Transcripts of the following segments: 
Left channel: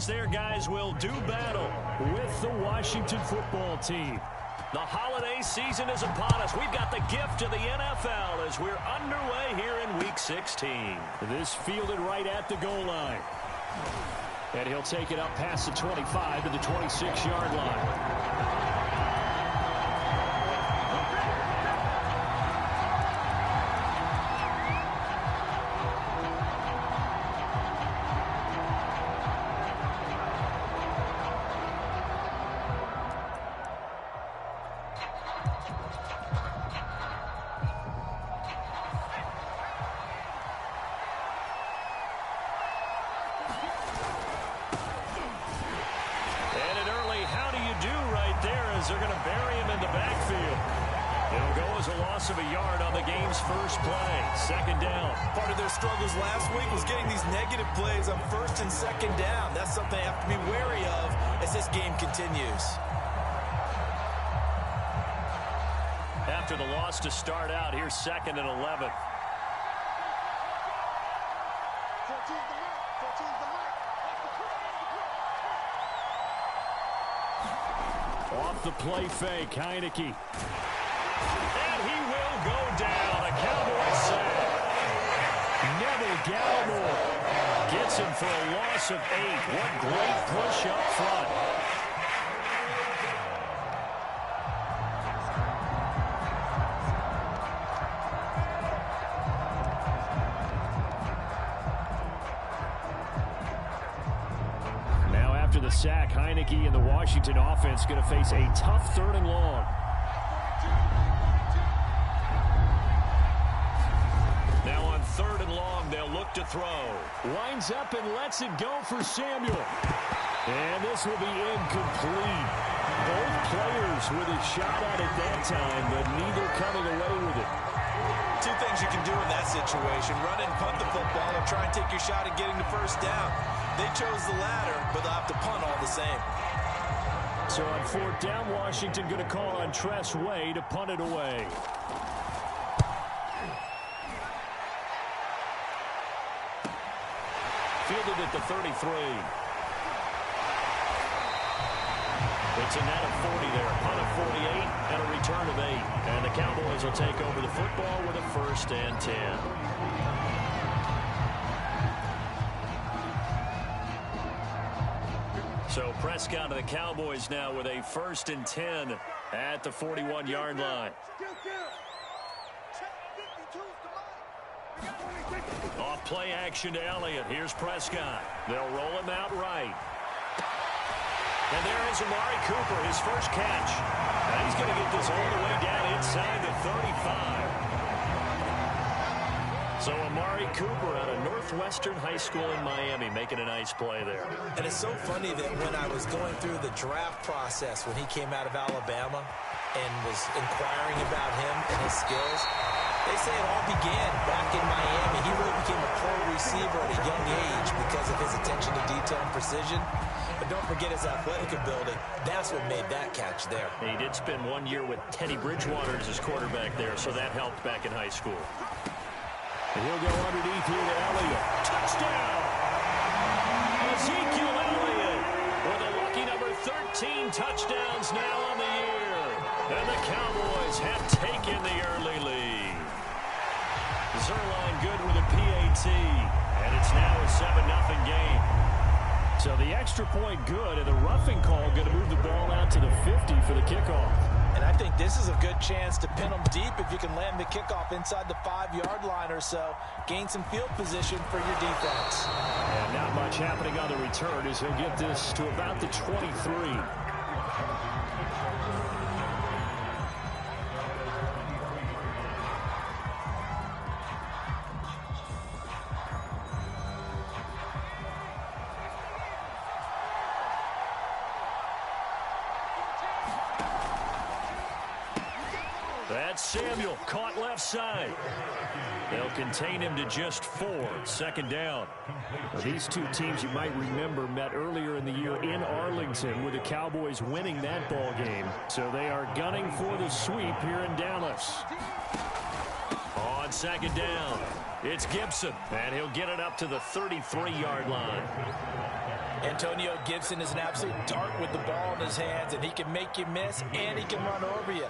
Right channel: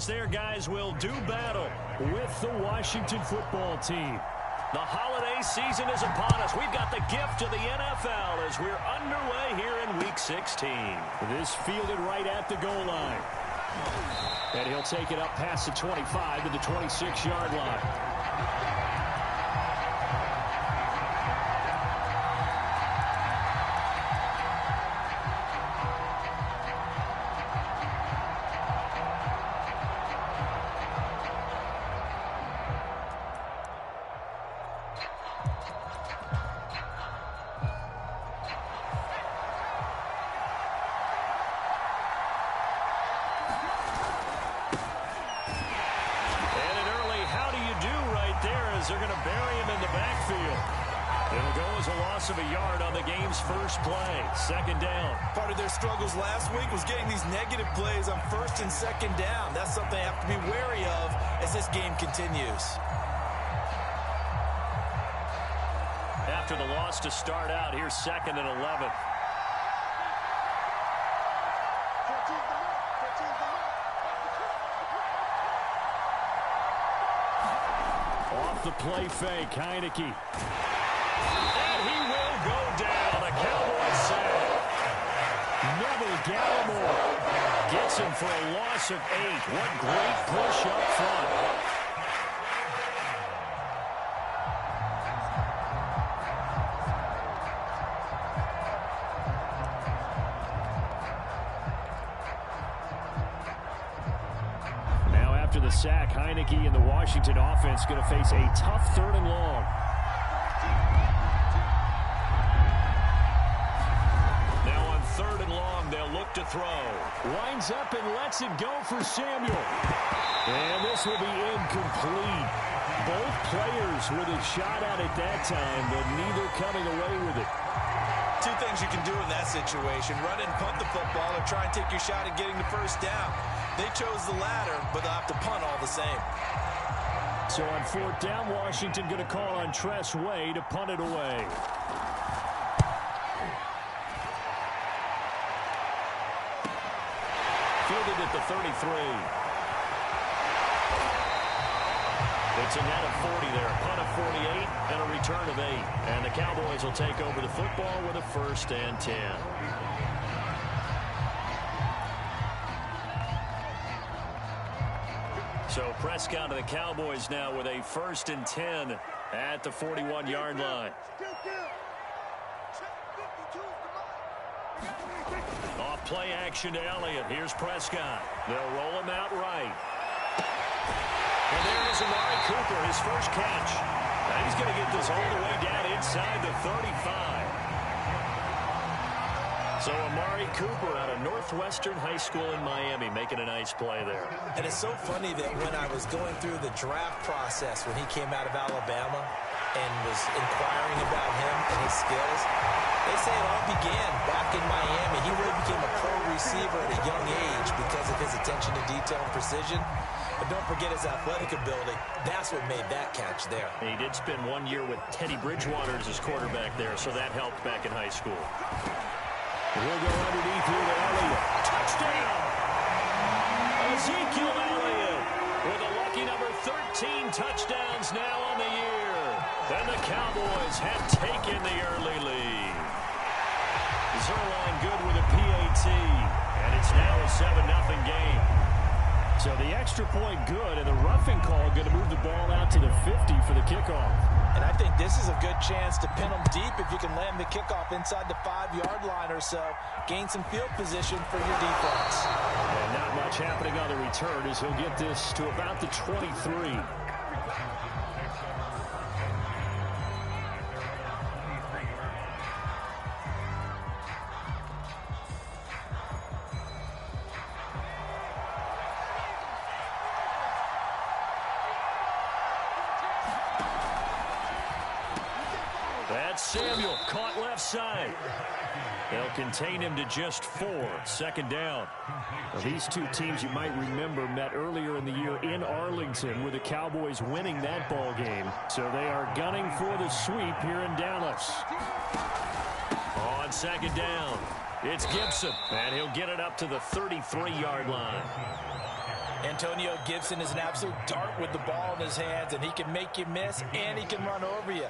as their guys will do battle with the Washington football team. The holiday season is upon us. We've got the gift of the NFL as we're underway here in Week 16. This fielded right at the goal line. And he'll take it up past the 25 to the 26-yard line. They're going to bury him in the backfield. It'll go as a loss of a yard on the game's first play. Second down. Part of their struggles last week was getting these negative plays on first and second down. That's something they have to be wary of as this game continues. After the loss to start out, here's 2nd and 11. Off the play fake, Heineke. And he will go down. A Cowboys sack. Neville Gallimore gets him for a loss of 8. What great push up front. After the sack, Heineke and the Washington offense going to face a tough 3rd and long. Now on 3rd and long, they'll look to throw. Winds up and lets it go for Samuel. And this will be incomplete. Both players with a shot at it that time, but neither coming away with it. Two things you can do in that situation: run and punt the football, or try and take your shot at getting the first down. They chose the latter, but they'll have to punt all the same. So on 4th down, Washington going to call on Tress Way to punt it away. Fielded at the 33. It's a net of 40 there. Punt of 48 and a return of 8. And the Cowboys will take over the football with a 1st and 10. So Prescott of the Cowboys now with a 1st and 10 at the 41-yard line. Off play action to Elliott. Here's Prescott. They'll roll him out right. And there is Amari Cooper, his first catch. Now he's going to get this all the way down inside the 35. So Amari Cooper out of Northwestern High School in Miami making a nice play there. And it's so funny that when I was going through the draft process when he came out of Alabama and was inquiring about him and his skills, they say it all began back in Miami. He really became a pro receiver at a young age because of his attention to detail and precision. But don't forget his athletic ability. That's what made that catch there. He did spend 1 year with Teddy Bridgewater as his quarterback there, so that helped back in high school. And he'll go underneath here to Elliott. Touchdown! Ezekiel Elliott with a lucky number 13 touchdowns now on the year. And the Cowboys have taken the early lead. Zuerlein good with a PAT. And it's now a 7-0 game. So the extra point good, and the roughing call going to move the ball out to the 50 for the kickoff. And I think this is a good chance to pin them deep if you can land the kickoff inside the 5-yard line or so. Gain some field position for your defense. And not much happening on the return as he'll get this to about the 23. That's Samuel, caught left side. They'll contain him to just 4. 2nd down. Now, these two teams, you might remember, met earlier in the year in Arlington with the Cowboys winning that ball game. So they are gunning for the sweep here in Dallas. On 2nd down, it's Gibson, and he'll get it up to the 33-yard line. Antonio Gibson is an absolute dart with the ball in his hands, and he can make you miss, and he can run over you.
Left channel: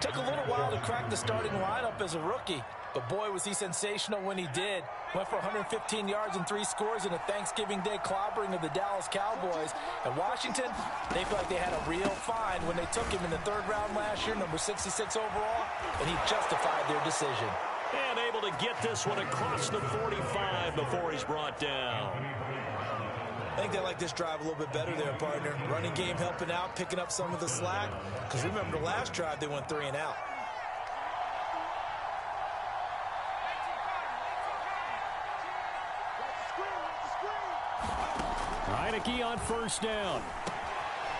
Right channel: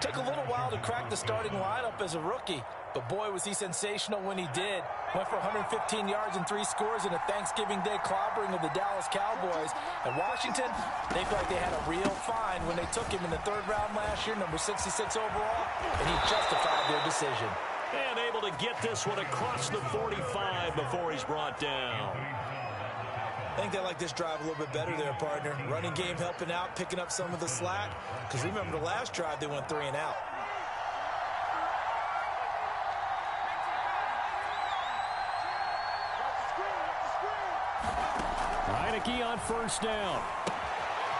Took a little while to crack the starting lineup as a rookie, but boy, was he sensational when he did. Went for 115 yards and 3 scores in a Thanksgiving Day clobbering of the Dallas Cowboys. And Washington, they feel like they had a real find when they took him in the 3rd round last year, number 66 overall, and he justified their decision. And able to get this one across the 45 before he's brought down. I think they like this drive a little bit better there, partner. Running game helping out, picking up some of the slack. Because remember, the last drive, they went 3 and out. Heineke on 1st down.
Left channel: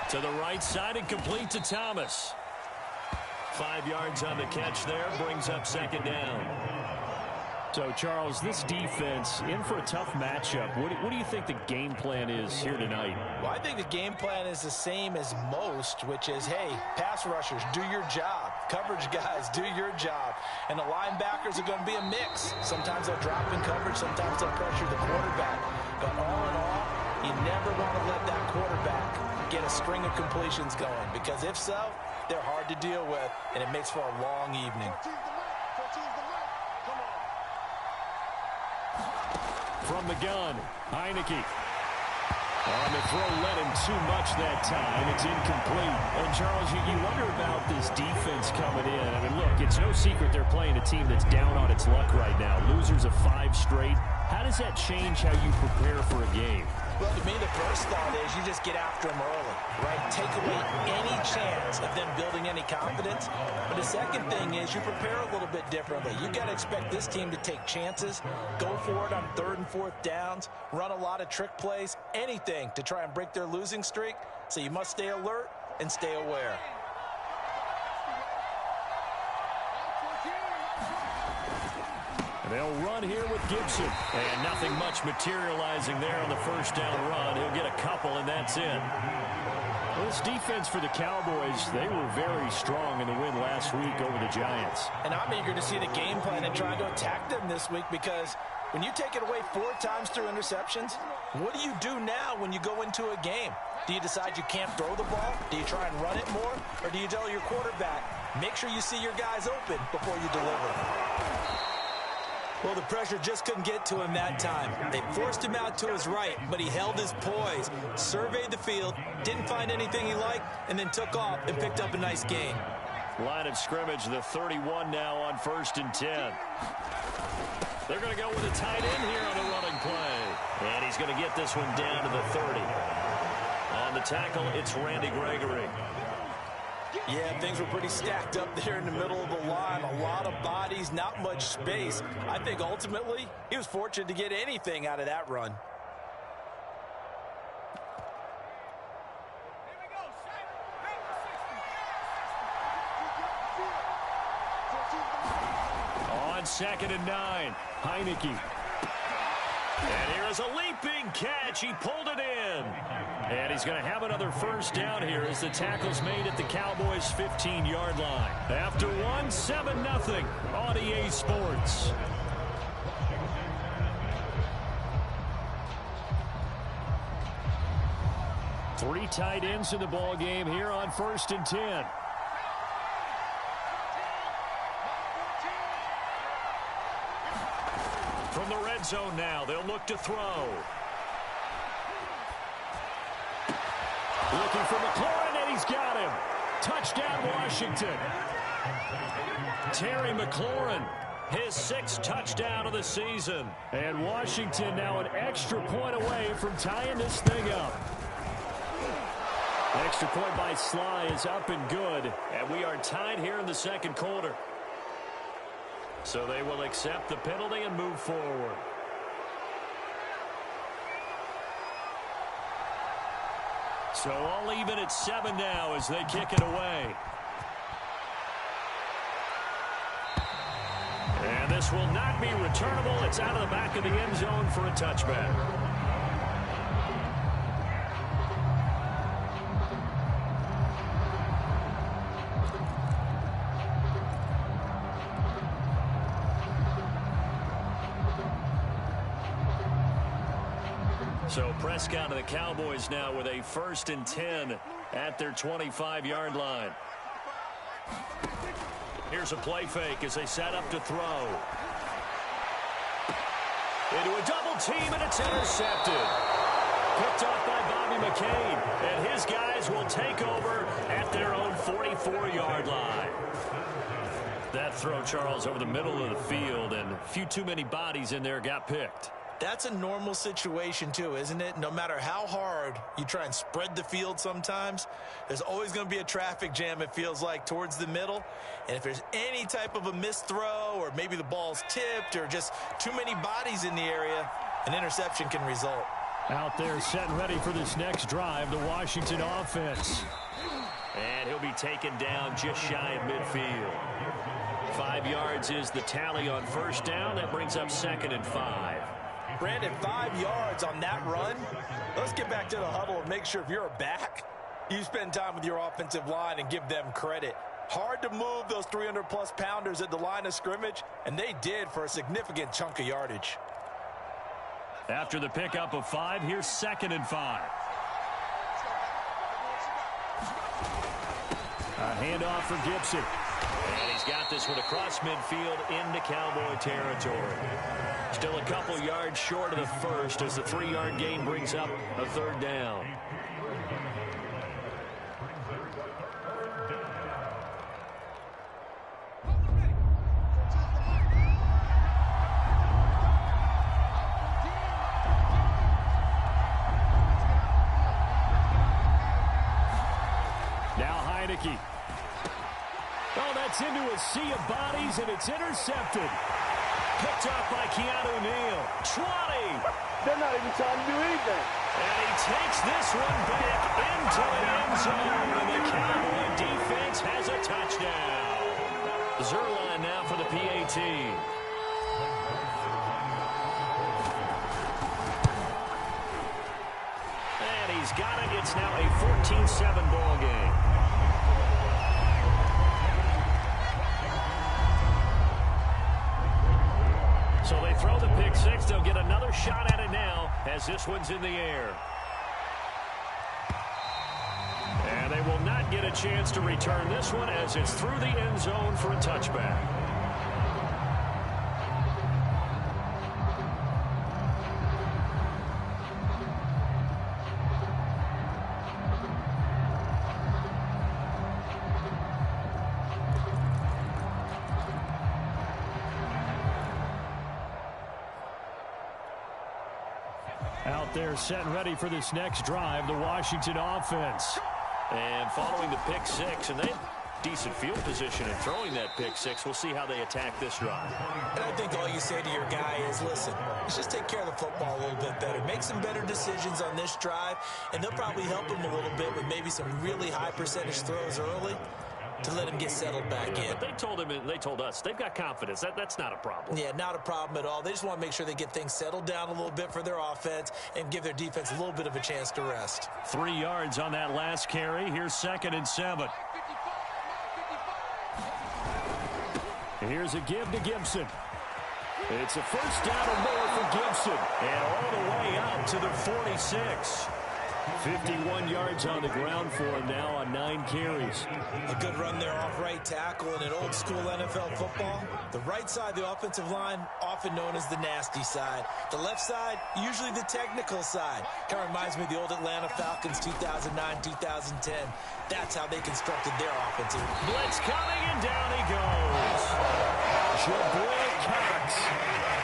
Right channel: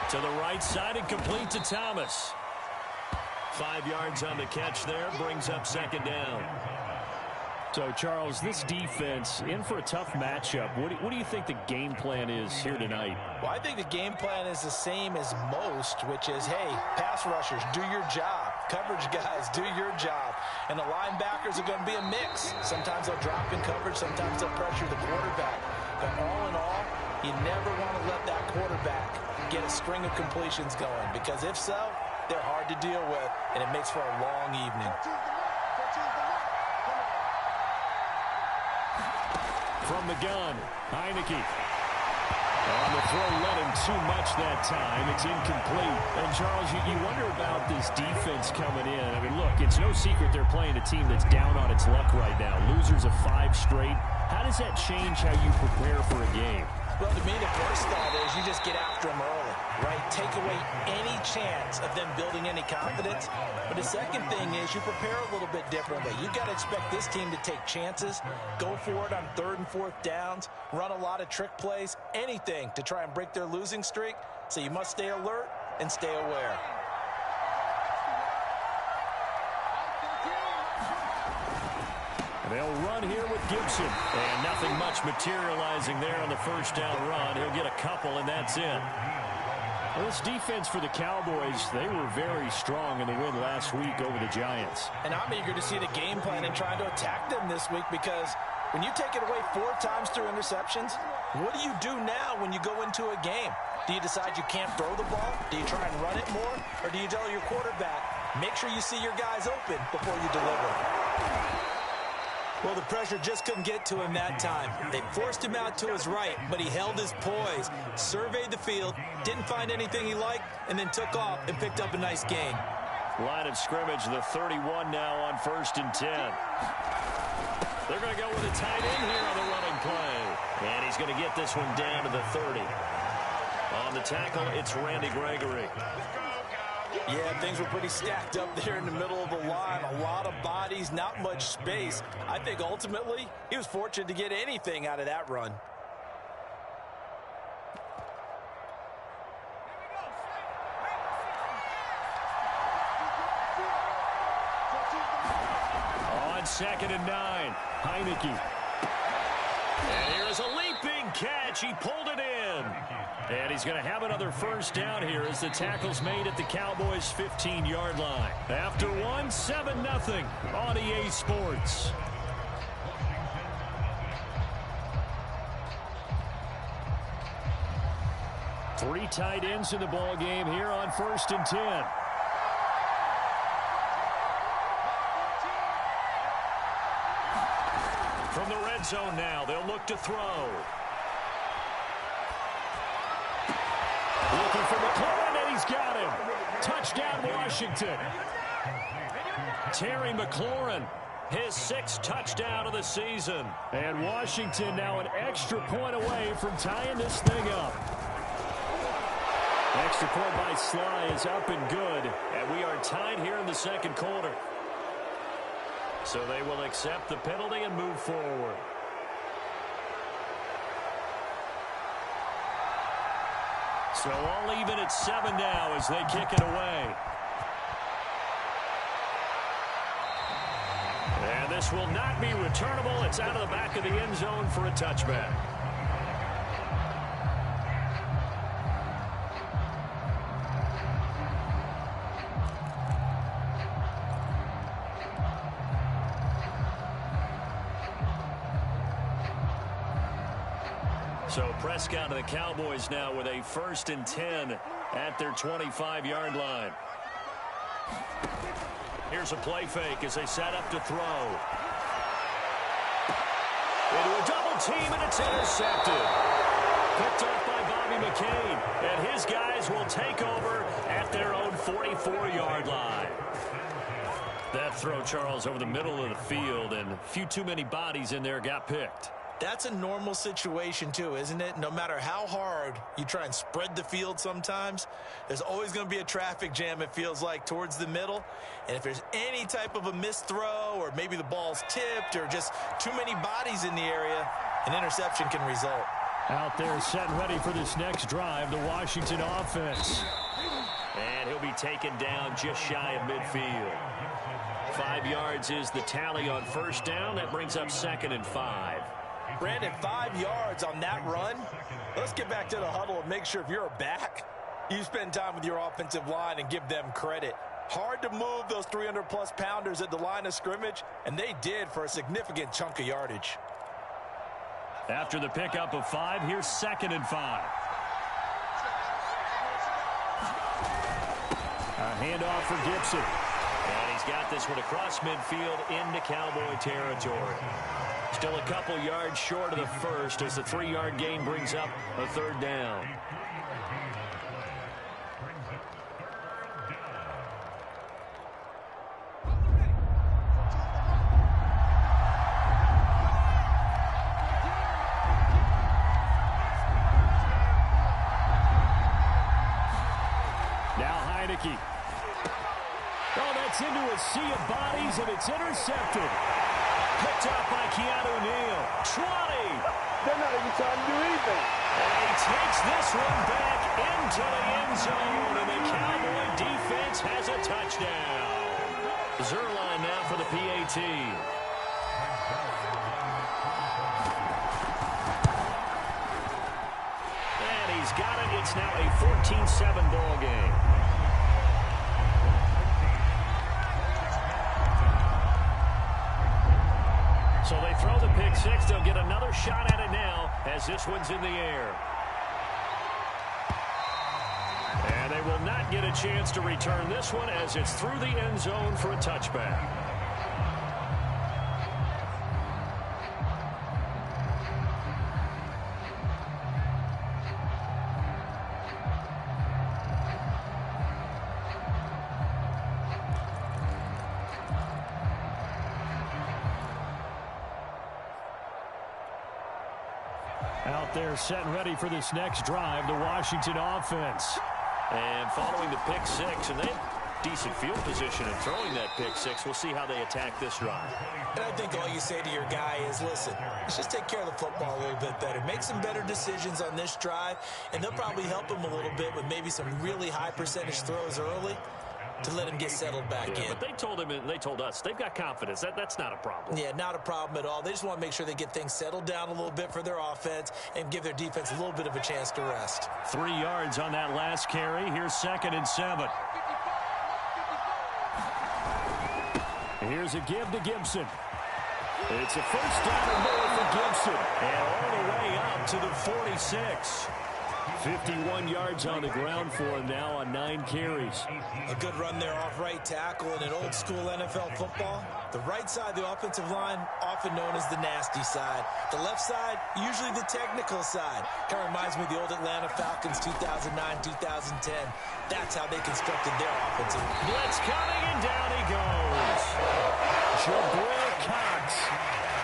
To the right side and complete to Thomas. 5 yards on the catch there, brings up 2nd down. So, Charles, this defense in for a tough matchup. What do you think the game plan is here tonight? Well, I think the game plan is the same as most, which is, hey, pass rushers, do your job. Coverage guys, do your job. And the linebackers are going to be a mix. Sometimes they'll drop in coverage. Sometimes they'll pressure the quarterback. But all in all, you never want to let that quarterback get a string of completions going. Because if so, they're hard to deal with, and it makes for a long evening. From the gun, Heineke. On the throw, led him too much that time. It's incomplete. And, Charles, you wonder about this defense coming in. I mean, look, it's no secret they're playing a team that's down on its luck right now. Losers of 5 straight. How does that change how you prepare for a game? Well, to me, the first thought is you just get after them early, right? Take away any chance of them building any confidence. But the second thing is you prepare a little bit differently. You got to expect this team to take chances, go for it on 3rd and 4th downs, run a lot of trick plays, anything to try and break their losing streak. So you must stay alert and stay aware. They'll run here with Gibson. And nothing much materializing there on the 1st down run. He'll get a couple, and that's it. Well, this defense for the Cowboys, they were very strong in the win last week over the Giants. And I'm eager to see the game plan and trying to attack them this week, because when you take it away 4 times through interceptions, what do you do now when you go into a game? Do you decide you can't throw the ball? Do you try and run it more? Or do you tell your quarterback, make sure you see your guys open before you deliver? Well, the pressure just couldn't get to him that time. They forced him out to his right, but he held his poise, surveyed the field, didn't find anything he liked, and then took off and picked up a nice gain. Line of scrimmage, the 31 now on 1st and 10. They're going to go with a tight end here on the running play. And he's going to get this one down to the 30. On the tackle, it's Randy Gregory. Yeah, things were pretty stacked up there in the middle of the line. A lot of bodies, not much space. I think ultimately he was fortunate to get anything out of that run. On 2nd and 9, Heineke. And here's a leaping catch. He pulled it in. And he's going to have another 1st down here as the tackle's made at the Cowboys' 15-yard line. After 7-0 on EA Sports. Three tight ends in the ball game here on 1st and 10. From the red zone now, they'll look to throw. Looking for McLaurin, and he's got him. Touchdown, Washington. Terry McLaurin, his 6th touchdown of the season. And Washington now an extra point away from tying this thing up. Extra point by Sly is up and good. And we are tied here in the 2nd quarter. So they will accept the penalty and move forward. So all even at 7 now as they kick it away. And this will not be returnable. It's out of the back of the end zone for a touchback. So Prescott and the Cowboys now with a 1st and 10 at their 25-yard line. Here's a play fake as they set up to throw. Into a double team, and it's intercepted. Picked off by Bobby McCain, and his guys will take over at their own 44-yard line. That throw, Charles, over the middle of the field, and a few too many bodies in there got picked. That's a normal situation, too, isn't it? No matter how hard you try and spread the field sometimes, there's always going to be a traffic jam, it feels like, towards the middle. And if there's any type of a missed throw or maybe the ball's tipped or just too many bodies in the area, an interception can result. Out there set and ready for this next drive, the Washington offense. And he'll be taken down just shy of midfield. 5 yards is the tally on 1st down. That brings up 2nd and 5. Brandon, 5 yards on that run. Let's get back to the huddle and make sure if you're a back, you spend time with your offensive line and give them credit. Hard to move those 300-plus pounders at the line of scrimmage, and they did for a significant chunk of yardage. After the pickup of 5, here's 2nd and 5. A handoff for Gibson. And he's got this one across midfield into Cowboy territory. Still a couple yards short of the first as the 3-yard gain brings up a 3rd down. Now Heineke. Oh, that's into a sea of bodies, and it's intercepted. Picked up by Keanu Neal. 20. They're not even trying to do anything. And he takes this one back into the end zone, and the Cowboy defense has a touchdown. Zuerlein now for the PAT. And he's got it. It's now a 14-7 ball game. So they throw the pick six. They'll get another shot at it now as this one's in the air. And they will not get a chance to return this one as it's through the end zone for a touchback. Out there set and ready for this next drive, the Washington offense. And following the pick six, and they have decent field position in throwing that pick six. We'll see how they attack this drive. And I think all you say to your guy is, listen, let's just take care of the football a little bit better. Make some better decisions on this drive, and they'll probably help him a little bit with maybe some really high percentage throws early to let him get settled back in. But they told him, and they told us, they've got confidence. That's not a problem. Yeah, not a problem at all. They just want to make sure they get things settled down a little bit for their offense and give their defense a little bit of a chance to rest. 3 yards on that last carry. Here's 2nd and 7. Here's a give to Gibson. It's a first down and more for Gibson. And all the way up to the 46. 51 yards on the ground for him now on 9 carries. A good run there off right tackle in an old-school NFL football. The right side of the offensive line, often known as the nasty side. The left side, usually the technical side. Kind of reminds me of the old Atlanta Falcons 2009-2010. That's how they constructed their offensive. Blitz coming, and down he goes. Jabril Cox.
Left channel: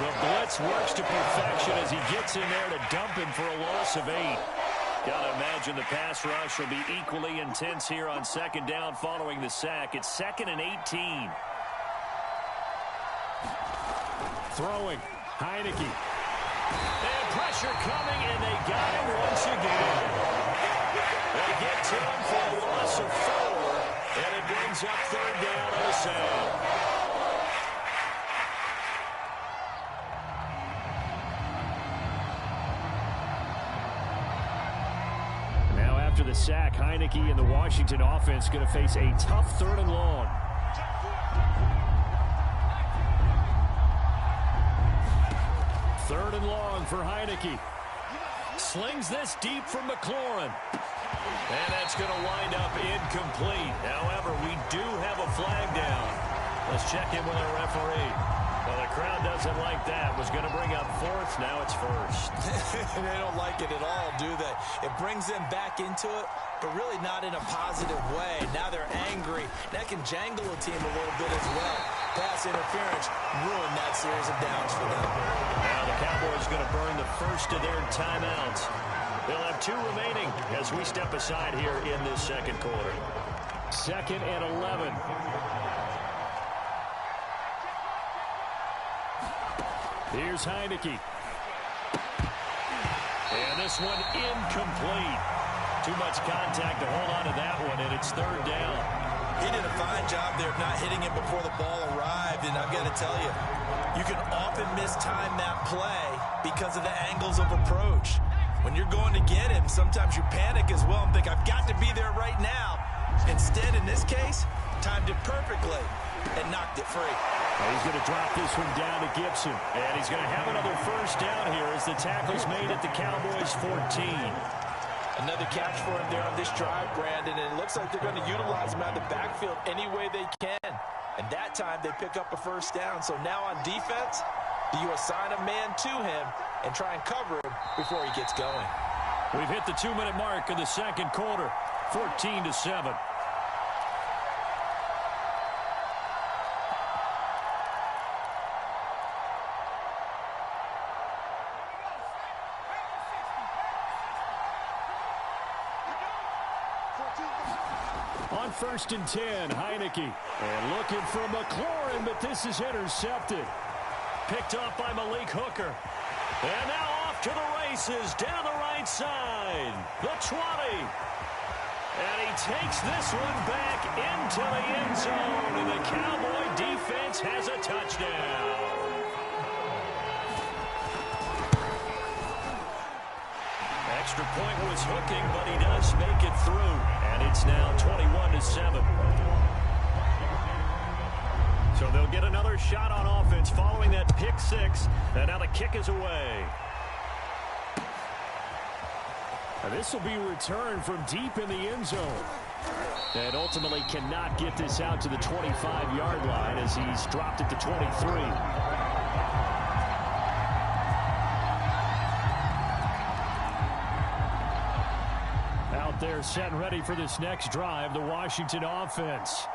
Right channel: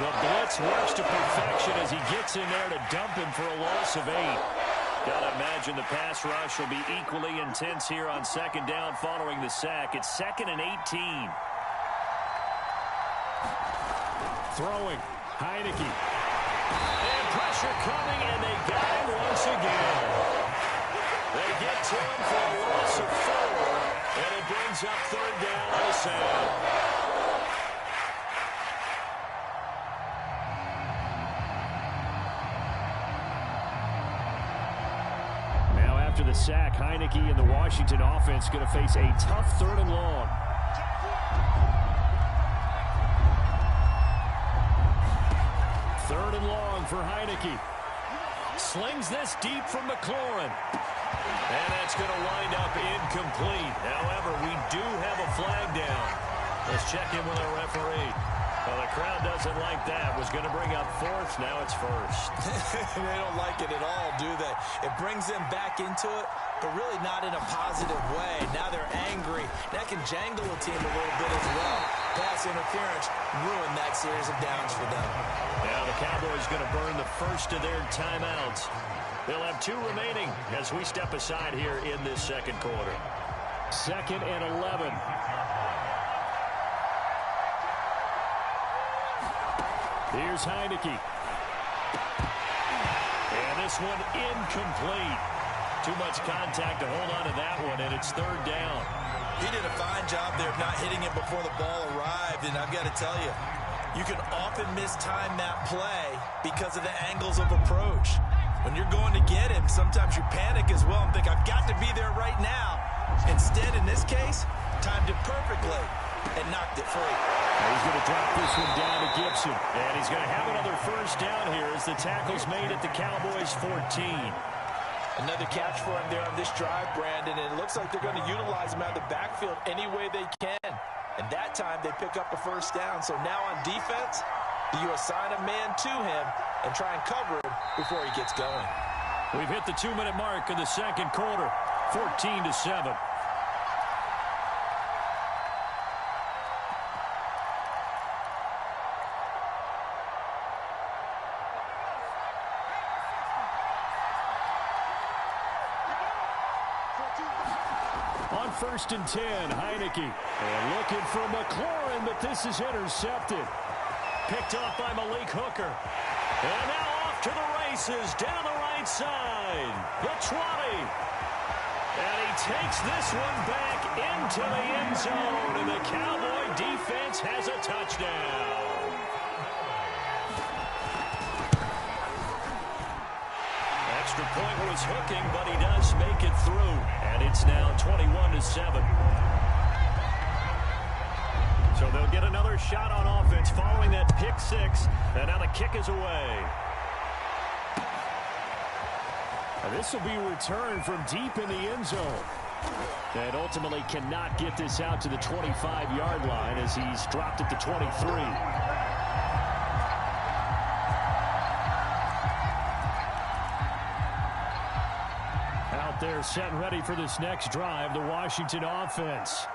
The blitz works to perfection as he gets in there to dump him for a loss of 8. Gotta imagine the pass rush will be equally intense here on 2nd down following the sack. It's 2nd and 18. Throwing. Heineke. And pressure coming, and they got him once again. They get to him for a loss of 4, and it brings up 3rd down on the sack. After the sack, Heineke and the Washington offense going to face a tough 3rd and long. Third and long for Heineke. Slings this deep from McLaurin. And that's going to wind up incomplete. However, we do have a flag down. Let's check in with our referee. Well, the crowd doesn't like that. Was going to bring up fourth. Now it's first. They don't like it at all, do they? It brings them back into it, but really not in a positive way. Now they're angry. That can jangle a team a little bit as well. Pass interference ruined that series of downs for them. Now the Cowboys going to burn the first of their timeouts. They'll have 2 remaining as we step aside here in this second quarter. 2nd and 11. Here's Heineke. And this one incomplete. Too much contact to hold on to that one, and it's 3rd down. He did a fine job there of not hitting it before the ball arrived, and I've got to tell you, you can often mistime that play because of the angles of approach. When you're going to get him, sometimes you panic as well and think, I've got to be there right now. Instead, in this case, timed it perfectly and knocked it free. He's going to drop this one down to Gibson. And he's going to have another first down here as the tackle's made at the Cowboys 14. Another catch for him there on this drive, Brandon, and it looks like they're going to utilize him out of the backfield any way they can. And that time they pick up a first down. So now on defense, do you assign a man to him and try and cover him before he gets going? We've hit the 2-minute mark in the second quarter, 14-7. On 1st and 10, Heineke. And looking for McLaurin, but this is intercepted. Picked off by Malik Hooker. And now off to the races down the right side. The 20. And he takes this one back into the end zone. And the Cowboy defense has a touchdown. Extra point was hooking, but he does make it through. And it's now 21-7. So they'll get another shot on offense following that pick 6. And now the kick is away. And this will be returned from deep in the end zone. And ultimately cannot get this out to the 25-yard line as he's dropped it to 23. Out there set and ready for this next drive, the Washington offense.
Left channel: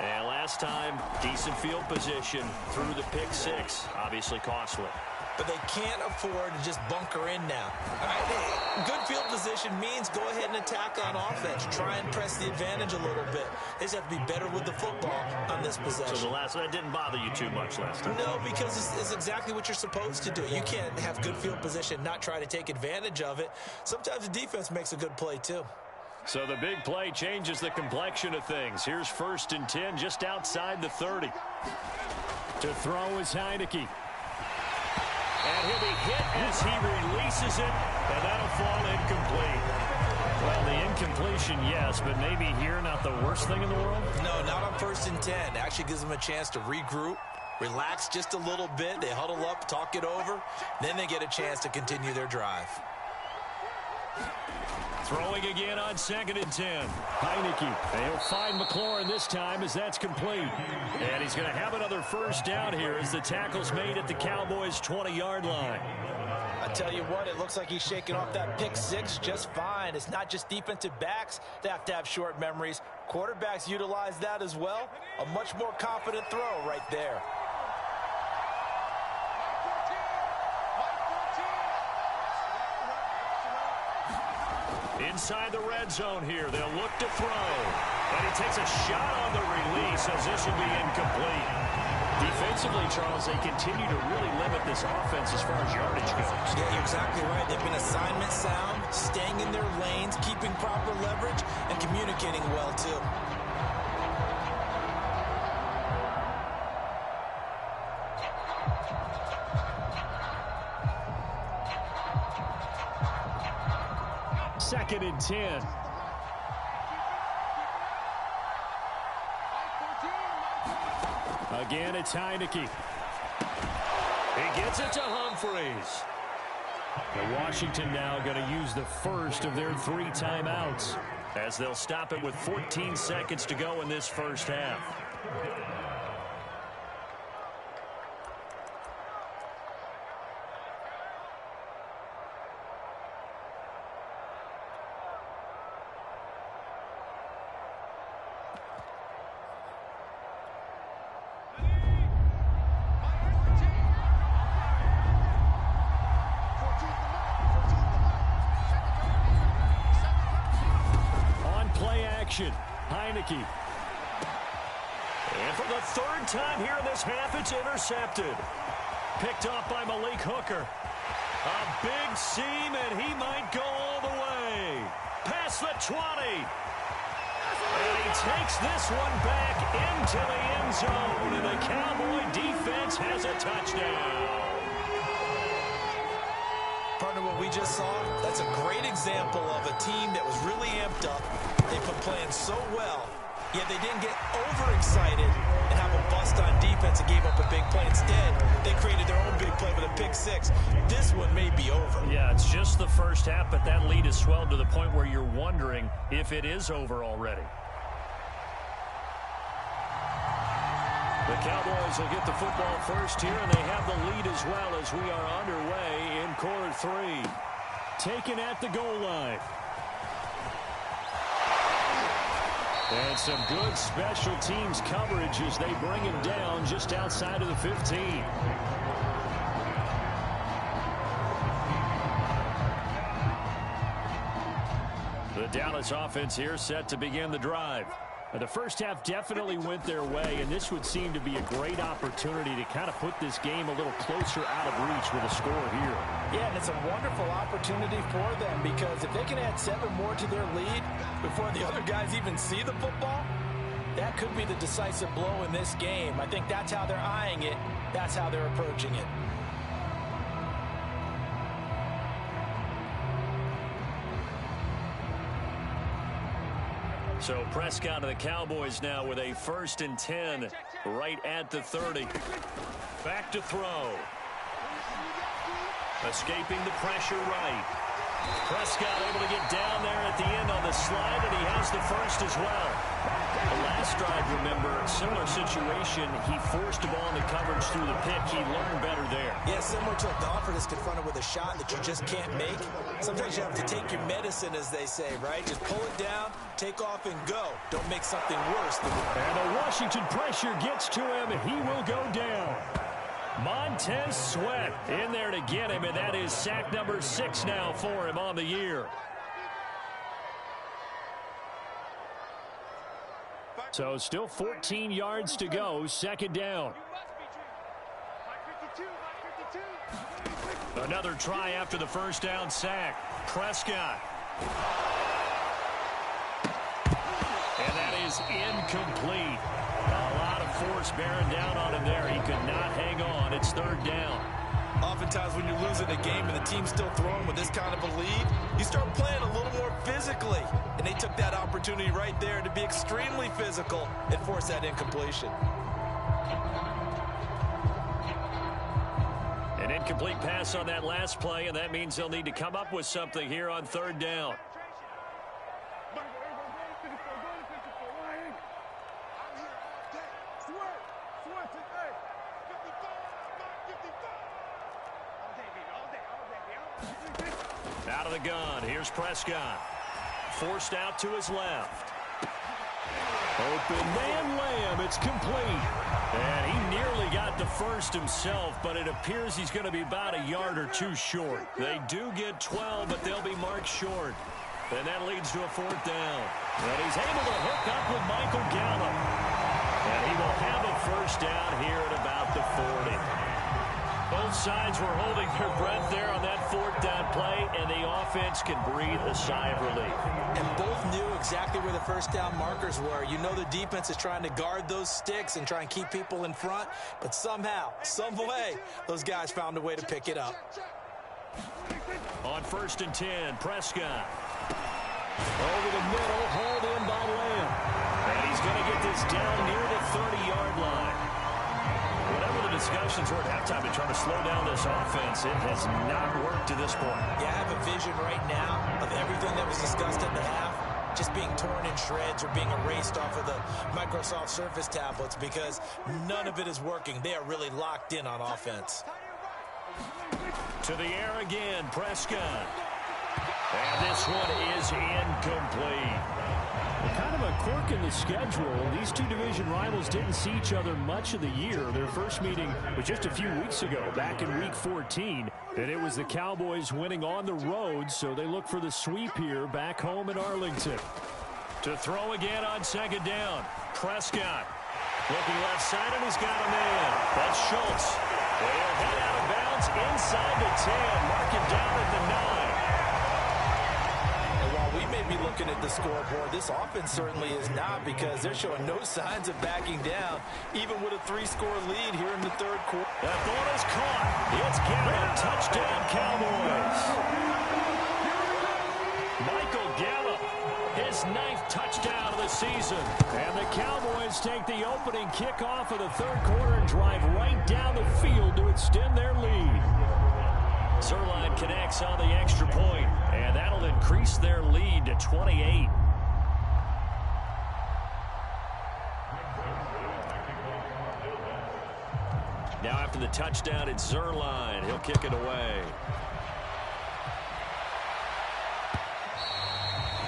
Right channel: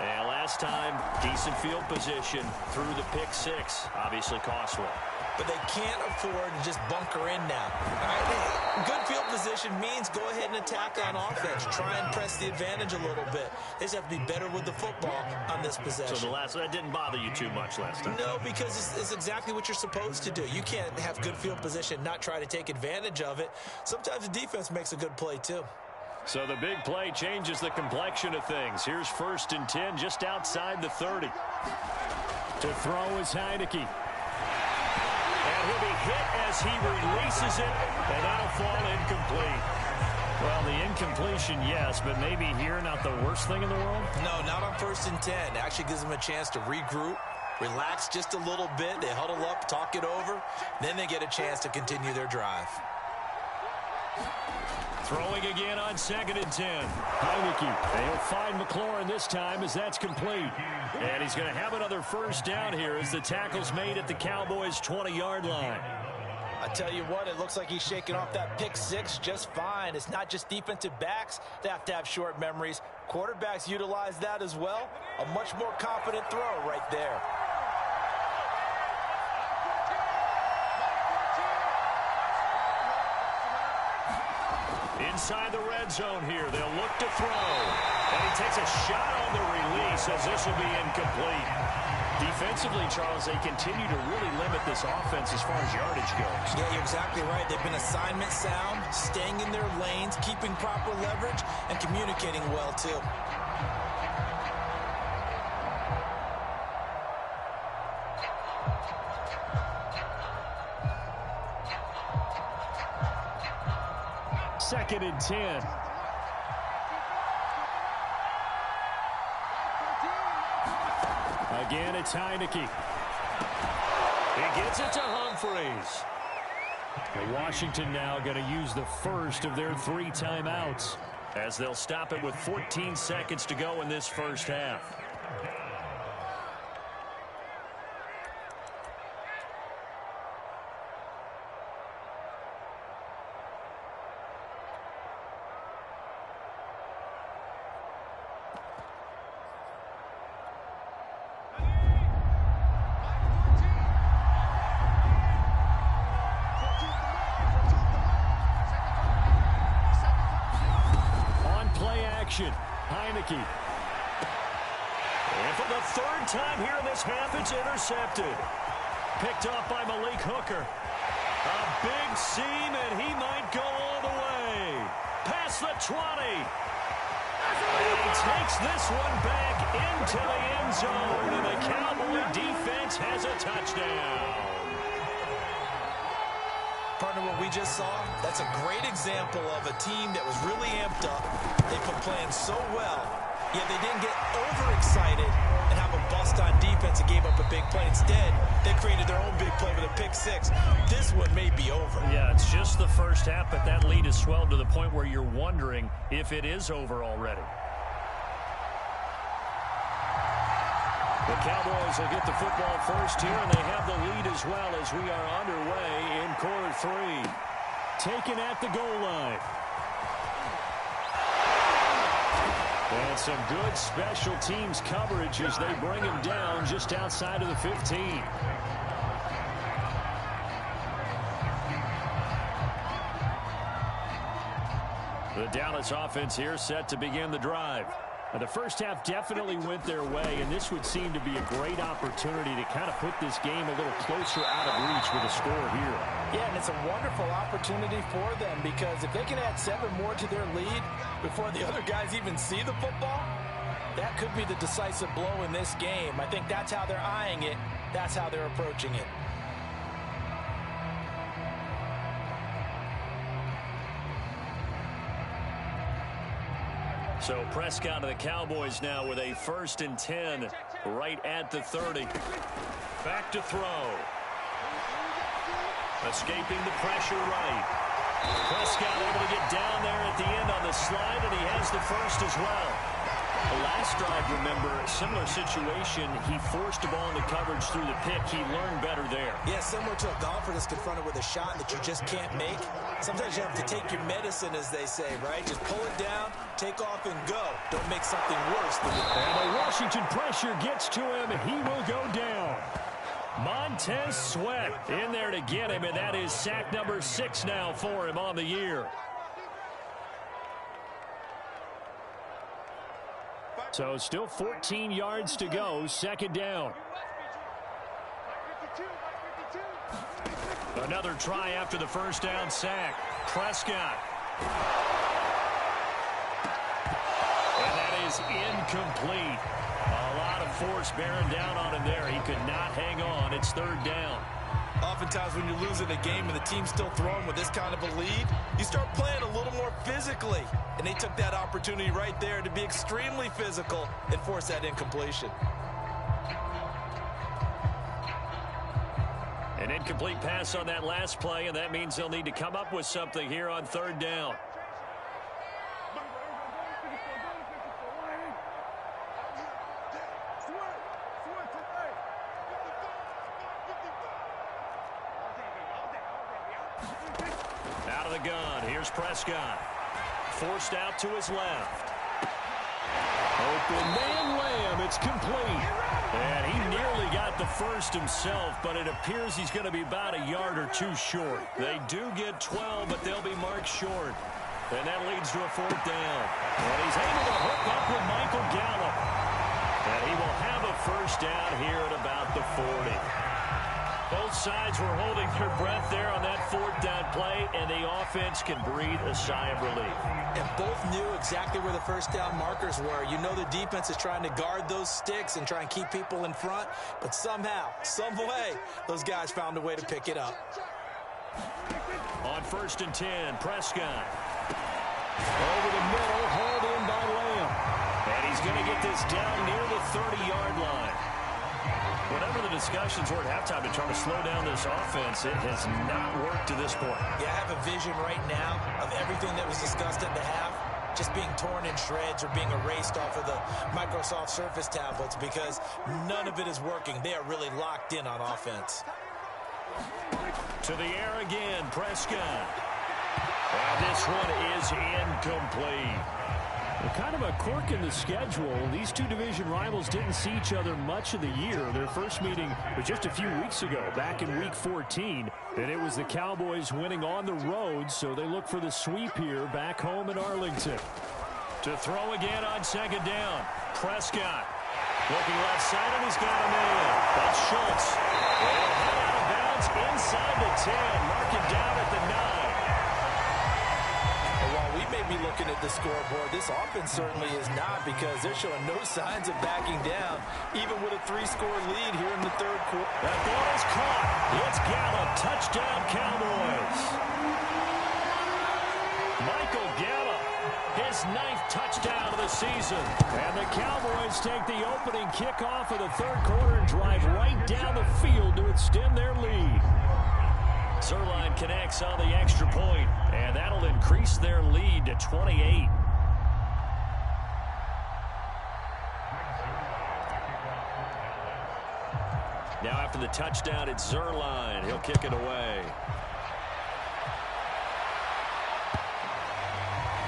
And last time, decent field position through the pick 6. Obviously costly. But they can't afford to just bunker in now. All right, hey, good field position means go ahead and attack on offense. Try and press the advantage a little bit. They just have to be better with the football on this possession. So that didn't bother you too much last time? No, because it's exactly what you're supposed to do. You can't have good field position, not try to take advantage of it. Sometimes the defense makes a good play, too. So the big play changes the complexion of things. Here's 1st and 10 just outside the 30. To throw is Heineke. And he'll be hit as he releases it, and that'll fall incomplete. Well, the incompletion, yes, but maybe here not the worst thing in the world? No, not on 1st and 10. It actually gives them a chance to regroup, relax just a little bit. They huddle up, talk it over. Then they get a chance to continue their drive. Throwing again on 2nd and 10. Heineke. And he'll find McLaurin this time as that's complete. And he's going to have another first down here as the tackle's made at the Cowboys' 20-yard line. I tell you what, it looks like he's shaking off that pick 6 just fine. It's not just defensive backs that have to have short memories. Quarterbacks utilize that as well. A much more confident throw right there. Inside the red zone here, they'll look to throw. And he takes a shot on the release as this will be incomplete. Defensively, Charles, they continue to really limit this offense as far as yardage goes. Yeah, you're exactly right. They've been assignment sound, staying in their lanes, keeping proper leverage, and communicating well, too. Second and 10. Again, it's Heineke. He gets it to Humphreys. And Washington now going to use the first of their 3 timeouts as they'll stop it with 14 seconds to go in this first half. Heineke. And for the 3rd time here in this half, it's intercepted. Picked off by Malik Hooker. A big seam, and he might go all the way. Past the 20. And he takes this one back into the end zone, and the Cowboy defense has a touchdown. Partner, what we just saw, that's a great example of a team that was really amped up. They put playing so well, yet they didn't get overexcited and have a bust on defense and gave up a big play. Instead, they created their own big play with a pick 6. This one may be over. Yeah, it's just the first half, but that lead has swelled to the point where you're wondering if it is over already. The Cowboys will get the football first here, and they have the lead as well as we are underway in quarter 3. Taken at the goal line. And some good special teams coverage as they bring him down just outside of the 15. The Dallas offense here set to begin the drive. The first half definitely went their way, and this would seem to be a great opportunity to kind of put this game a little closer out of reach with a score here. Yeah, and it's a wonderful opportunity for them because if they can add 7 more to their lead before the other guys even see the football, that could be the decisive blow in this game. I think that's how they're eyeing it. That's how they're approaching it. So Prescott of the Cowboys now with a 1st and 10 right at the 30. Back to throw. Escaping the pressure right. Prescott able to get down there at the end on the slide, and he has the first as well. The last drive, remember, similar situation. He forced the ball into coverage through the pick. He learned better there. Yeah, similar to a golfer that's confronted with a shot that you just can't make. Sometimes you have to take your medicine, as they say, right? Just pull it down, take off, and go. Don't make something worse than and the Washington pressure gets to him. He will go down. Montez Sweat in there to get him, and that is sack number 6 now for him on the year. So still 14 yards to go, 2nd down. Another try after the first down sack. Prescott. And that is incomplete. A lot of force bearing down on him there. He could not hang on. It's 3rd down. Oftentimes when you're losing a game and the team's still throwing with this kind of a lead, you start playing a little more physically. And they took that opportunity right there to be extremely physical and force that incompletion. An incomplete pass on that last play, and that means they'll need to come up with something here on 3rd down. Out of the gun, here's Prescott. Forced out to his left. Open man Lamb, it's complete. And he nearly got the first himself, but it appears he's going to be about a yard or 2 short. They do get 12, but they'll be marked short. And that leads to a 4th down. And he's able to hook up with Michael Gallup. And he will have a first down here at about the 40. Both sides were holding their breath there on that 4th down play, and the offense can breathe a sigh of relief. And both knew exactly where the first down markers were. You know the defense is trying to guard those sticks and try and keep people in front, but somehow, some way, those guys found a way to pick it up. On 1st and 10, Prescott. Over the middle, hauled in by Lamb. And he's going to get this down near the 30-yard line. Whatever the discussions were at halftime to try to slow down this offense, it has not worked to this point. Yeah, I have a vision right now of everything that was discussed at the half just being torn in shreds or being erased off of the Microsoft Surface tablets because none of it is working. They are really locked in on offense. To the air again, Prescott. And this one is incomplete. Well, kind of a quirk in the schedule. These two division rivals didn't see each other much of the year. Their first meeting was just a few weeks ago, back in Week 14. And it was the Cowboys winning on the road, so they look for the sweep here back home in Arlington. To throw again on second down, Prescott. Looking left side, and he's got a man. That's Schultz. And he'll head out of bounds inside the 10, marking down at the 9. And while we may be looking at the scoreboard, this offense certainly is not, because they're showing no signs of backing down, even with a 3-score lead here in the third quarter. That ball is caught. It's Gallup. Touchdown, Cowboys. Michael Gallup, his 9th touchdown of the season. And the Cowboys take the opening kickoff of the third quarter and drive right down the field to extend their lead. Zuerlein connects on the extra point, and that'll increase their lead to 28. Now after the touchdown, it's Zuerlein. He'll kick it away.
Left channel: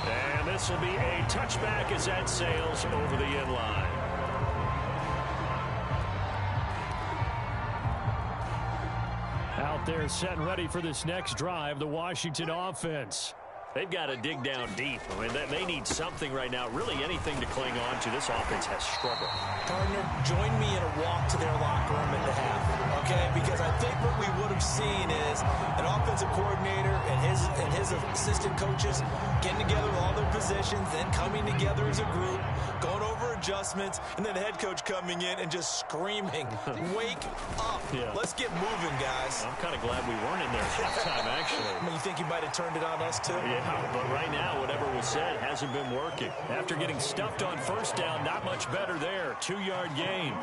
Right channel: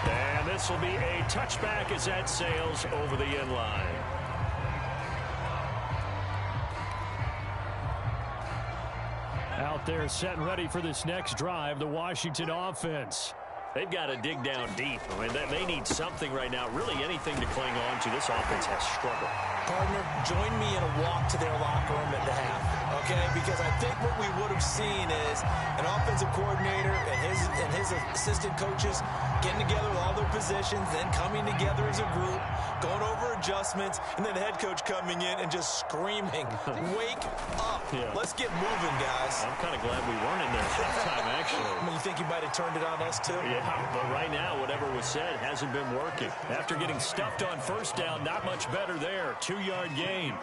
And this will be a touchback as that sails over the end line. Out there set and ready for this next drive, the Washington offense. They've got to dig down deep. I mean, they need something right now, really anything to cling on to. This offense has struggled. Partner, join me in a walk to their locker room at the half, okay? Because I think what we would have seen is an offensive coordinator and his assistant coaches getting together with all their positions, then coming together as a group, going over adjustments, and then the head coach coming in and just screaming, wake up. Yeah. Let's get moving, guys. I'm kind of glad we weren't in there at halftime, actually. I mean, you think you might have turned it on us, too? Yeah, but right now, whatever was said hasn't been working. After getting stuffed on first down, not much better there. 2-yard gain.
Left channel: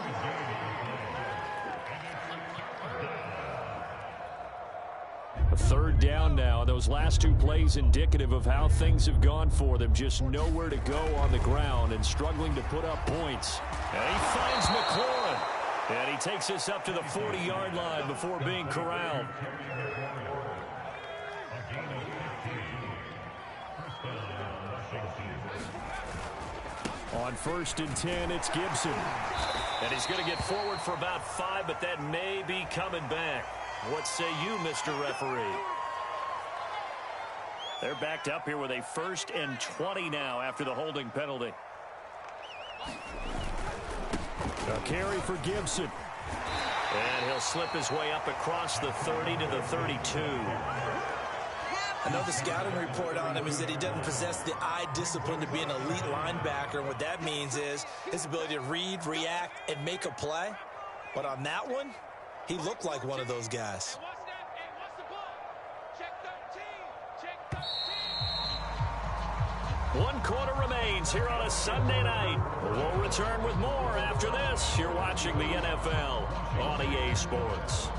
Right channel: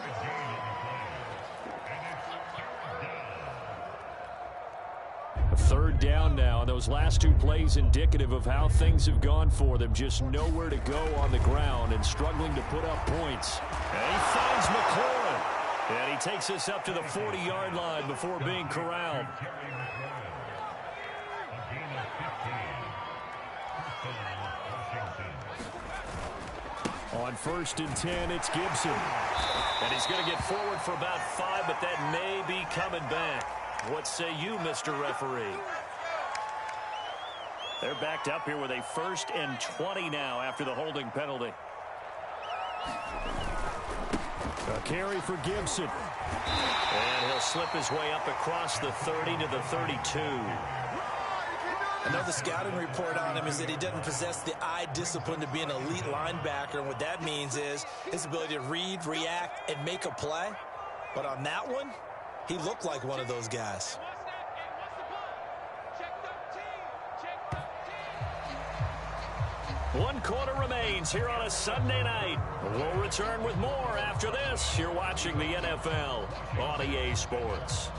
A third down now, and those last two plays indicative of how things have gone for them. Just nowhere to go on the ground and struggling to put up points. And he finds McLaurin. And he takes us up to the 40-yard line before being corralled. On 1st and 10, it's Gibson. And he's going to get forward for about 5, but that may be coming back. What say you, Mr. Referee? They're backed up here with a 1st and 20 now after the holding penalty. A carry for Gibson. And he'll slip his way up across the 30 to the 32. I know the scouting report on him is that he doesn't possess the eye discipline to be an elite linebacker, and what that means is his ability to read, react, and make a play. But on that one, he looked like one of those guys. One quarter remains here on a Sunday night. We'll return with more after this. You're watching the NFL on EA Sports.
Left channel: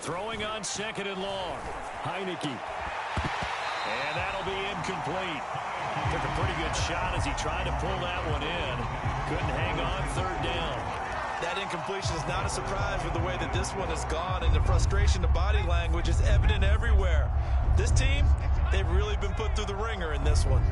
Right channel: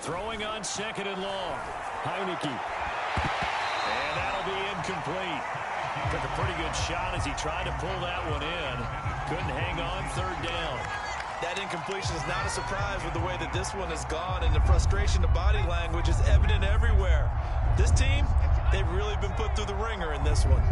Throwing on 2nd and long. Heineke. And that'll be incomplete. Took a pretty good shot as he tried to pull that one in. Couldn't hang on 3rd down. That incompletion is not a surprise with the way that this one has gone, and the frustration, the body language is evident everywhere. This team, they've really been put through the ringer in this one.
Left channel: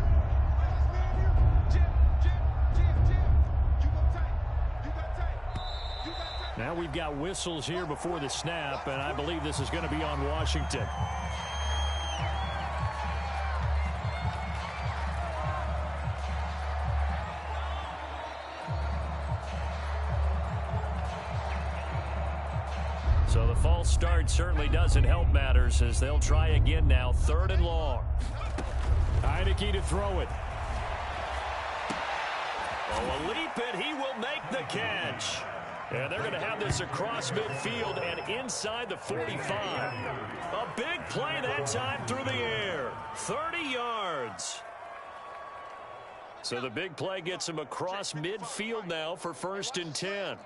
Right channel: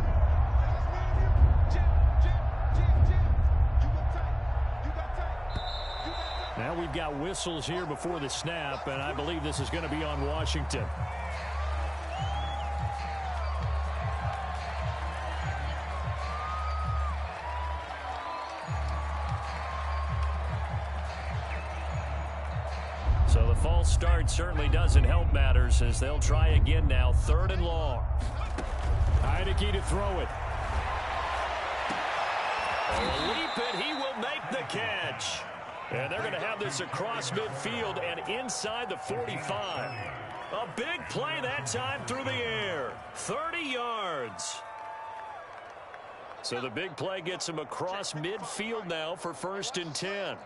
Now we've got whistles here before the snap, and I believe this is going to be on Washington. So the false start certainly doesn't help matters as they'll try again now. 3rd and long. Heineke to throw it. Oh, a leap, and he will make the catch. And they're going to have this across midfield and inside the 45. A big play that time through the air. 30 yards. So the big play gets him across midfield now for 1st and 10.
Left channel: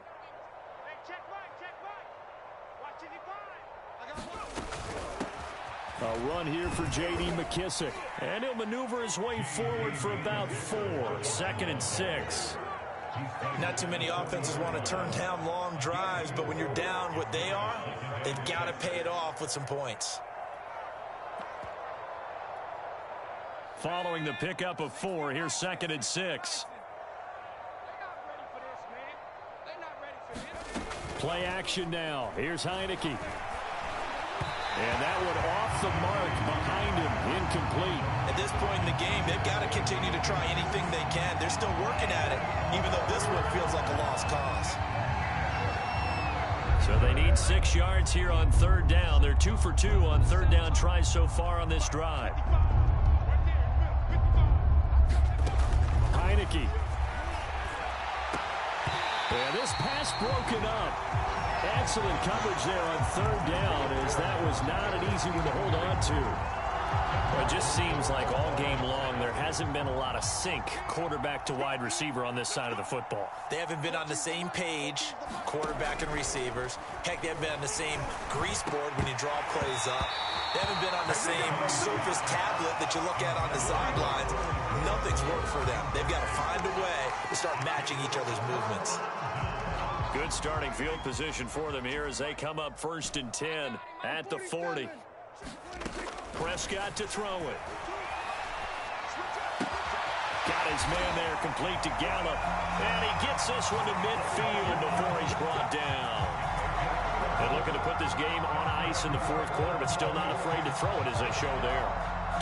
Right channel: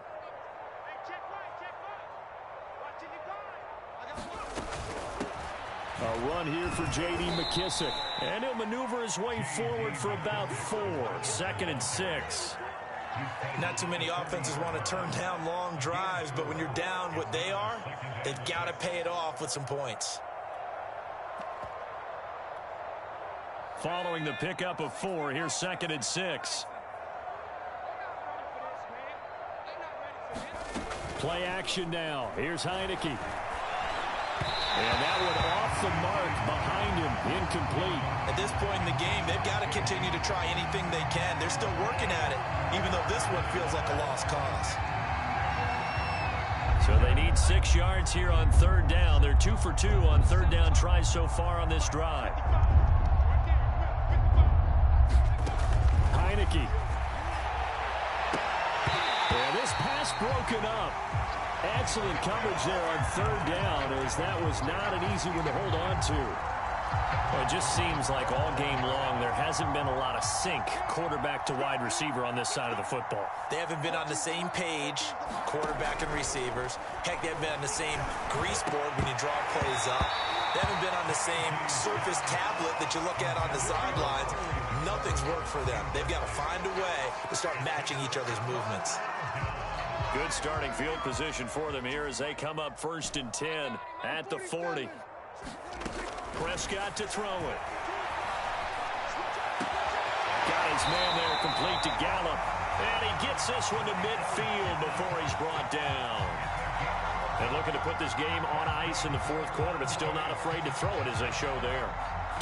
A run here for J.D. McKissick. And he'll maneuver his way forward for about 4. 2nd and 6. Not too many offenses want to turn down long drives, but when you're down what they are, they've got to pay it off with some points. Following the pickup of 4, here's 2nd and 6. Play action now. Here's Heineke. And that one off the mark behind him. Incomplete. At this point in the game, they've got to continue to try anything they can. They're still working at it, even though this one feels like a lost cause. So they need 6 yards here on 3rd down. They're 2 for 2 on 3rd down tries so far on this drive. Heineke. And this pass broken up. Excellent coverage there on 3rd down, as that was not an easy one to hold on to. Well, it just seems like all game long there hasn't been a lot of sync quarterback to wide receiver on this side of the football. They haven't been on the same page, quarterback and receivers. Heck, they haven't been on the same grease board when you draw plays up. They haven't been on the same surface tablet that you look at on the sidelines. Nothing's worked for them. They've got to find a way to start matching each other's movements. Good starting field position for them here as they come up 1st and 10 at the 40. Prescott to throw it. Got his man there complete to Gallup. And he gets this one to midfield before he's brought down. And looking to put this game on ice in the 4th quarter, but still not afraid to throw it as they show there.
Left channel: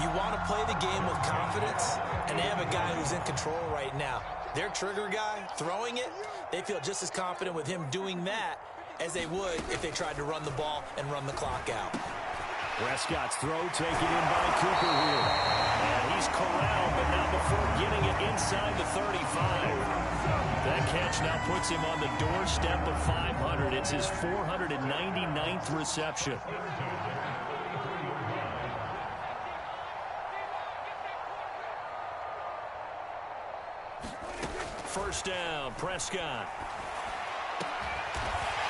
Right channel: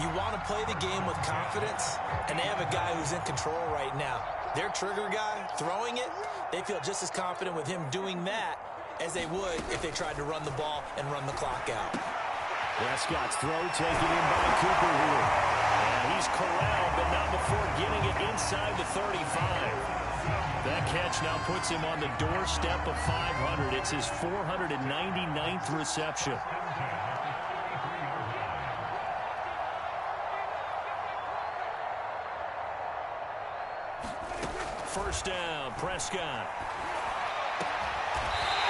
You want to play the game with confidence, and they have a guy who's in control right now. Their trigger guy, throwing it, they feel just as confident with him doing that as they would if they tried to run the ball and run the clock out. Prescott's throw taken in by Cooper here. And he's corralled, but not before getting it inside the 35. That catch now puts him on the doorstep of 500. It's his 499th reception. First down, Prescott.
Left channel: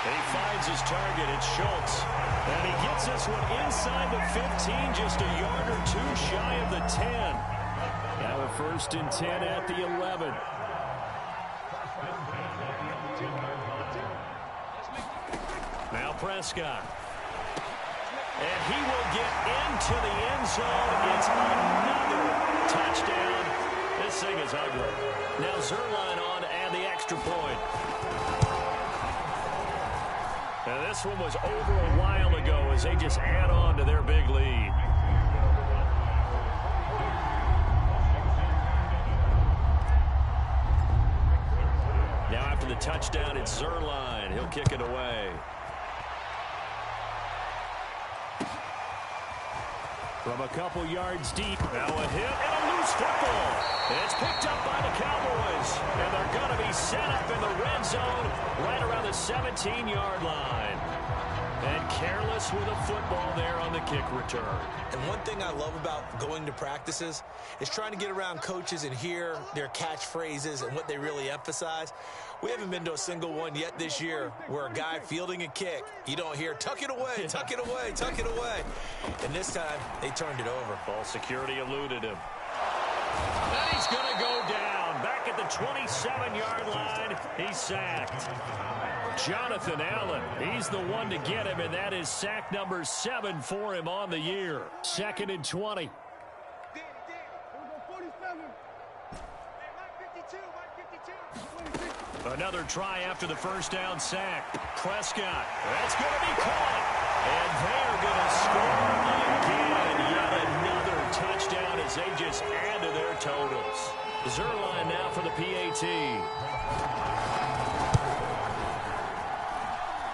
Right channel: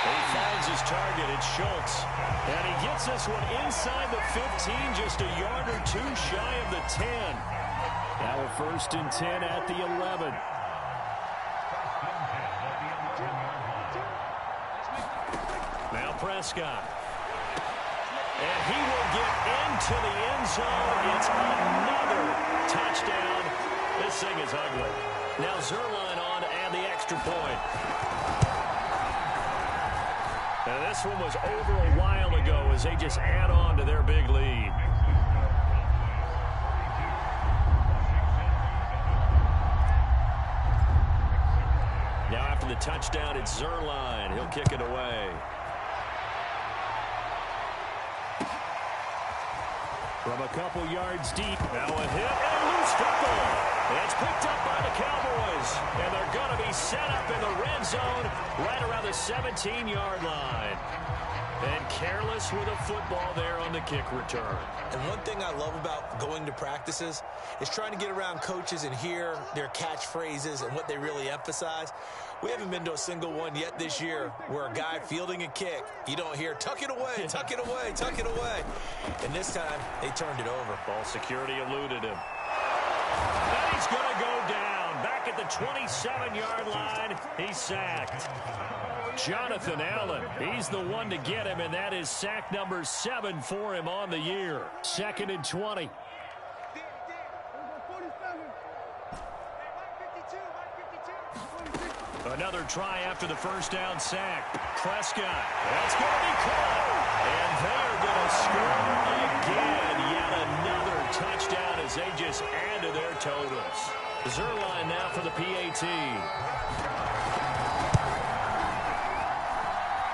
He finds his target. It's Schultz. And he gets this one inside the 15, just a yard or 2 shy of the 10. Now a 1st and 10 at the 11. Now Prescott. And he will get into the end zone. It's another touchdown. This thing is ugly. Now Zuerlein on to add the extra point. Now this one was over a while ago as they just add on to their big lead. Now after the touchdown, it's Zuerlein. He'll kick it away. From a couple yards deep. Now a hit and a loose football. It's picked up by the Cowboys. And they're going to be set up in the red zone right around the 17-yard line. And careless with a football there on the kick return. And one thing I love about going to practices is trying to get around coaches and hear their catchphrases and what they really emphasize. We haven't been to a single one yet this year where a guy fielding a kick, you don't hear, tuck it away, tuck it away, tuck it away. And this time, they turned it over. Ball security eluded him. And he's going to go down. Back at the 27-yard line, he's sacked. Jonathan Allen, he's the one to get him, and that is sack number 7 for him on the year. 2nd and 20. Another try after the first down sack. Prescott, that's going to be caught. And they're going to score again. Yet another touchdown as they just add to their totals. Zuerlein now for the PAT.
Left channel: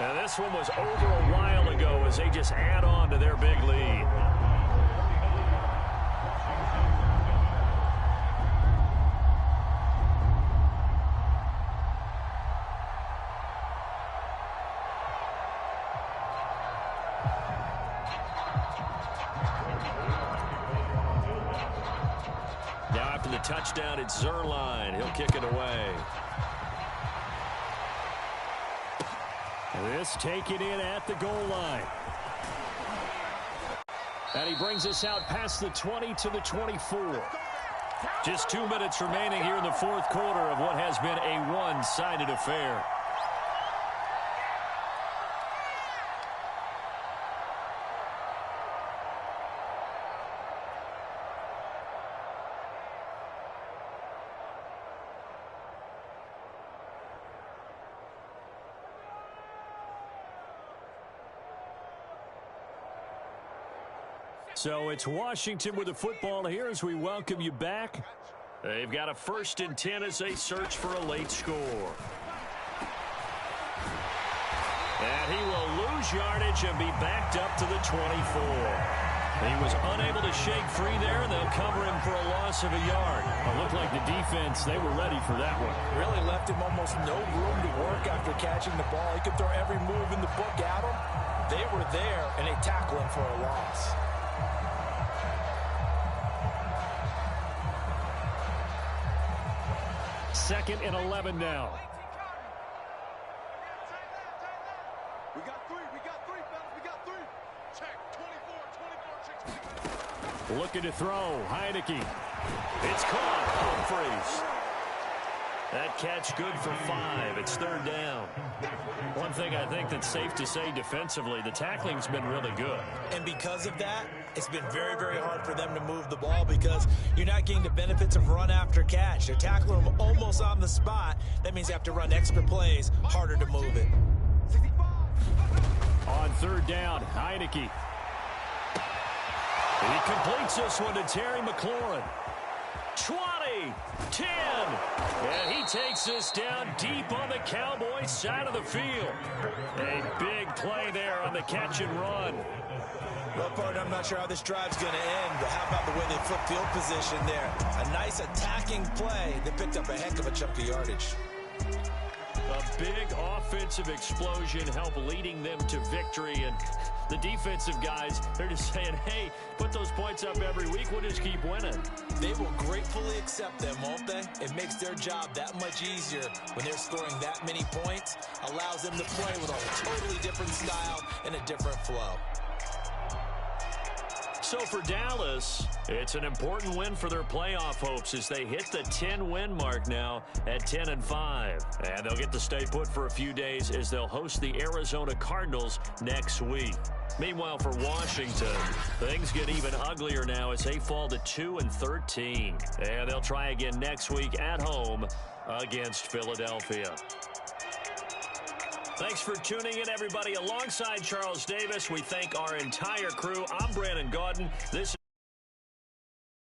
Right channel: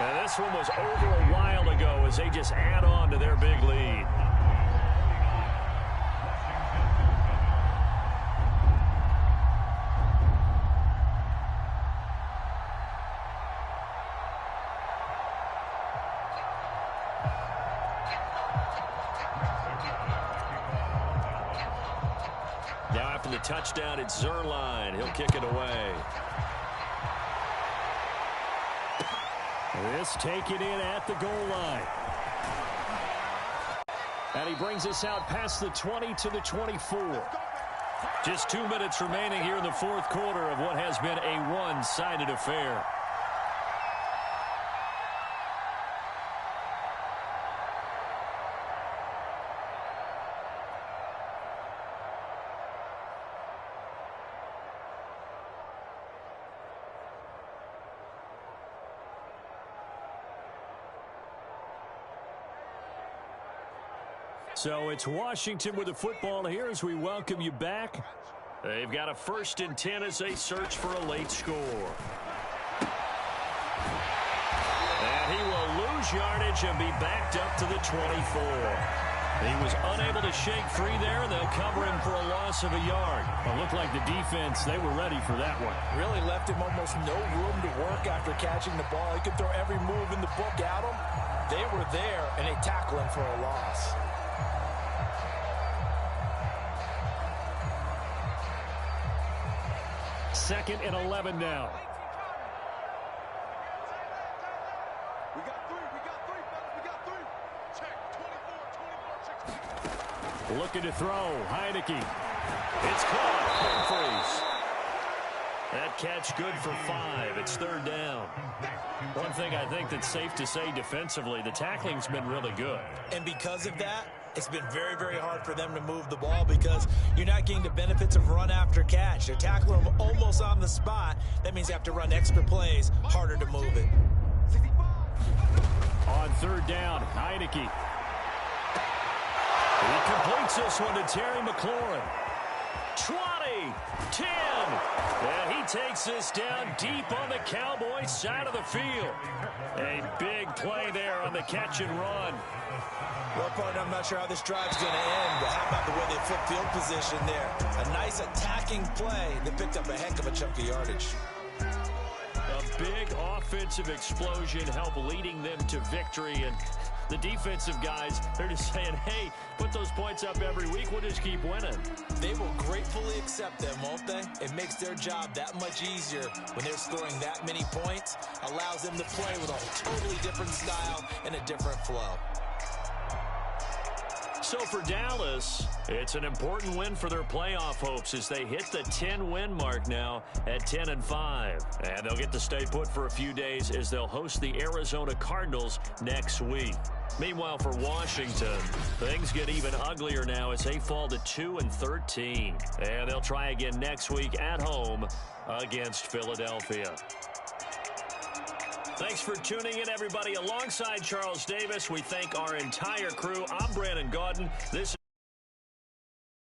Now this one was over a while ago as they just add on to their big lead. after the touchdown. It's Zuerlein. He'll kick it away. This taken in at the goal line. And he brings us out past the 20 to the 24. Just 2 minutes remaining here in the fourth quarter of what has been a one-sided affair. So it's Washington with the football here as we welcome you back. They've got a 1st and 10 as they search for a late score. And he will lose yardage and be backed up to the 24. He was unable to shake free there, and they'll cover him for a loss of a yard. It looked like the defense, they were ready for that one. Really left him almost no room to work after catching the ball. He could throw every move in the book at him. They were there, and they tackle him for a loss. Second and 11 now. We got three, fellas, we got three. Check, 24, 6. Looking to throw, Heineke. It's caught, Humphries. That catch good for 5. It's 3rd down. One thing I think that's safe to say defensively, the tackling's been really good. And because of that, it's been very, very hard for them to move the ball because you're not getting the benefits of run after catch. They're tackling them almost on the spot. That means you have to run extra plays, harder to move it. On 3rd down, Heineke. He completes this one to Terry McLaurin. 20, 10, and he takes this down deep on the Cowboys side of the field. A big play there on the catch and run. Well, partner, I'm not sure how this drive's going to end, but how about the way they flip field position there? A nice attacking play that picked up a heck of a chunk of yardage. A big offensive explosion helped leading them to victory, and the defensive guys, they're just saying, hey, put those points up every week, we'll just keep winning. They will gratefully accept them, won't they? It makes their job that much easier when they're scoring that many points, allows them to play with a totally different style and a different flow. So for Dallas, it's an important win for their playoff hopes as they hit the 10-win mark now at 10-5. And they'll get to stay put for a few days as they'll host the Arizona Cardinals next week. Meanwhile, for Washington, things get even uglier now as they fall to 2-13. And they'll try again next week at home against Philadelphia. Thanks for tuning in, everybody. Alongside Charles Davis, we thank our entire crew. I'm Brandon Gaudin. This